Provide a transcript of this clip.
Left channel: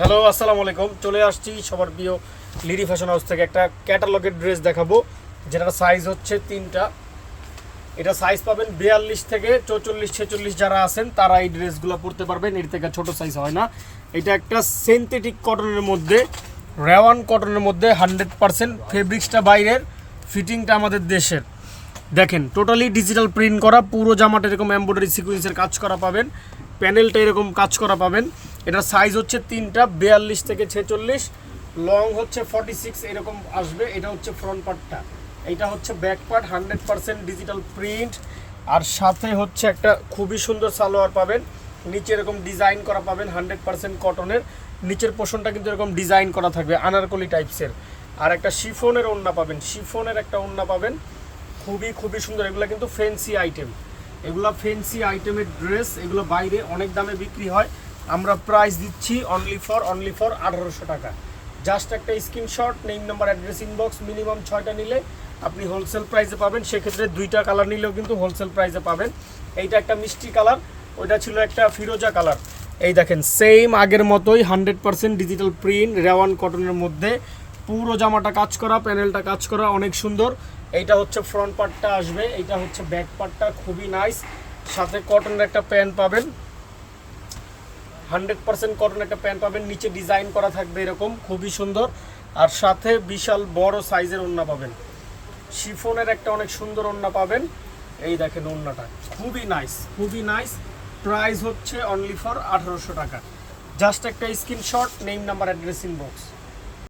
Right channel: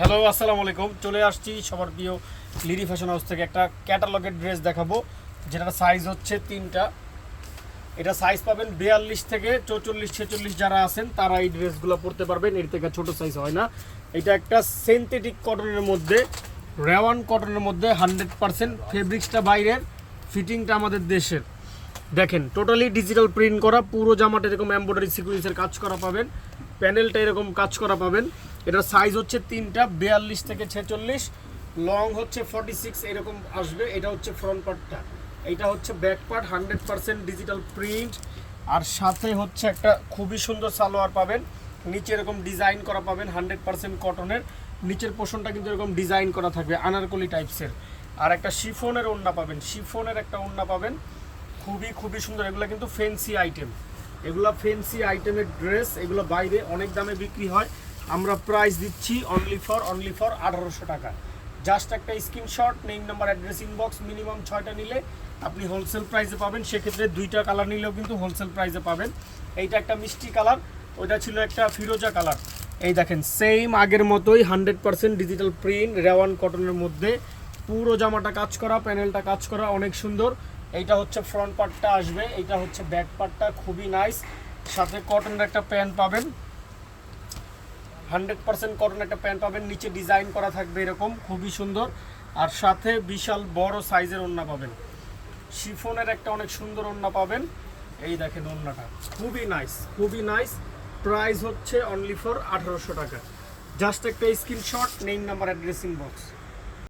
Hello আসসালামু আলাইকুম। চলে আসছি সবার প্রিয় লিডি ফ্যাশন হাউস থেকে একটা ক্যাটালগের ড্রেস দেখাবো, যেটার সাইজ হচ্ছে তিনটা। এটা সাইজ পাবেন 42 থেকে 44 46 যারা আছেন তারা এই ড্রেসগুলো পরতে পারবেন, এর থেকে ছোট সাইজ হয় না। এটা একটা সিনথেটিক কটনের মধ্যে, রেওয়ান কটনের মধ্যে 100% ফেব্রিক্সটা বাইরের, ফিটিংটা আমাদের দেশের। দেখেন টোটালি ডিজিটাল প্রিন্ট করা, পুরো জামাটা এরকম এমব্রয়ডারি সিকোয়েন্সের কাজ করা পাবেন, প্যানেলটা এরকম কাজ করা পাবেন। এটার সাইজ হচ্ছে তিনটা, 42 থেকে 46, লং হচ্ছে 46 এরকম আসবে। এটা হচ্ছে ফ্রন্ট পার্টটা, এইটা হচ্ছে ব্যাক পার্ট, 100% ডিজিটাল প্রিন্ট। আর সাথে হচ্ছে একটা খুবই সুন্দর সালোয়ার পাবেন, নিচে এরকম ডিজাইন করা পাবেন 100% কটনের। নিচের পোর্শনটা কিন্তু এরকম ডিজাইন করা থাকবে আনারকলি টাইপসের। আর একটা শিফনের ওড়না পাবেন, শিফনের একটা ওড়না পাবেন, খুবই সুন্দর। এগুলো কিন্তু ফ্যান্সি আইটেম, এগুলো ফ্যান্সি আইটেমের ড্রেস, এগুলো বাইরে অনেক দামে বিক্রি হয়। আমরা প্রাইস দিচ্ছি অনলি ফর 1800 টাকা। জাস্ট একটা screenshot, name number address inbox, minimum 6টা নিলে আপনি হোলসেল প্রাইসে পাবেন। সেক্ষেত্রে 2টা কালার নিলেও কিন্তু হোলসেল প্রাইসে পাবেন। এইটা একটা মিষ্টি কালার, ওইটা ছিল একটা ফিরোজা কালার। এই দেখেন সেম আগের মতোই 100% ডিজিটাল প্রিন্ট, রেওয়ান কটনের মধ্যে, পুরো জামাটা কাজ করা, প্যানেলটা কাজ করা, অনেক সুন্দর। এইটা হচ্ছে ফ্রন্ট পার্টটা আসবে, এইটা হচ্ছে ব্যাক পার্টটা, খুবই নাইস। সাথে কটনের একটা প্যান্ট পাবেন, 100% কটন একটা প্যান্ট পাবেন, নিচে ডিজাইন করা থাকবে এরকম, খুবই সুন্দর। আর সাথে বিশাল বড় সাইজের ওড়না পাবেন, শিফনের একটা অনেক সুন্দর ওড়না পাবেন। এই দেখেন ওড়নাটা খুবই নাইস। প্রাইস হচ্ছে অনলি ফর 1800 টাকা। জাস্ট একটা screenshot, name number address inbox.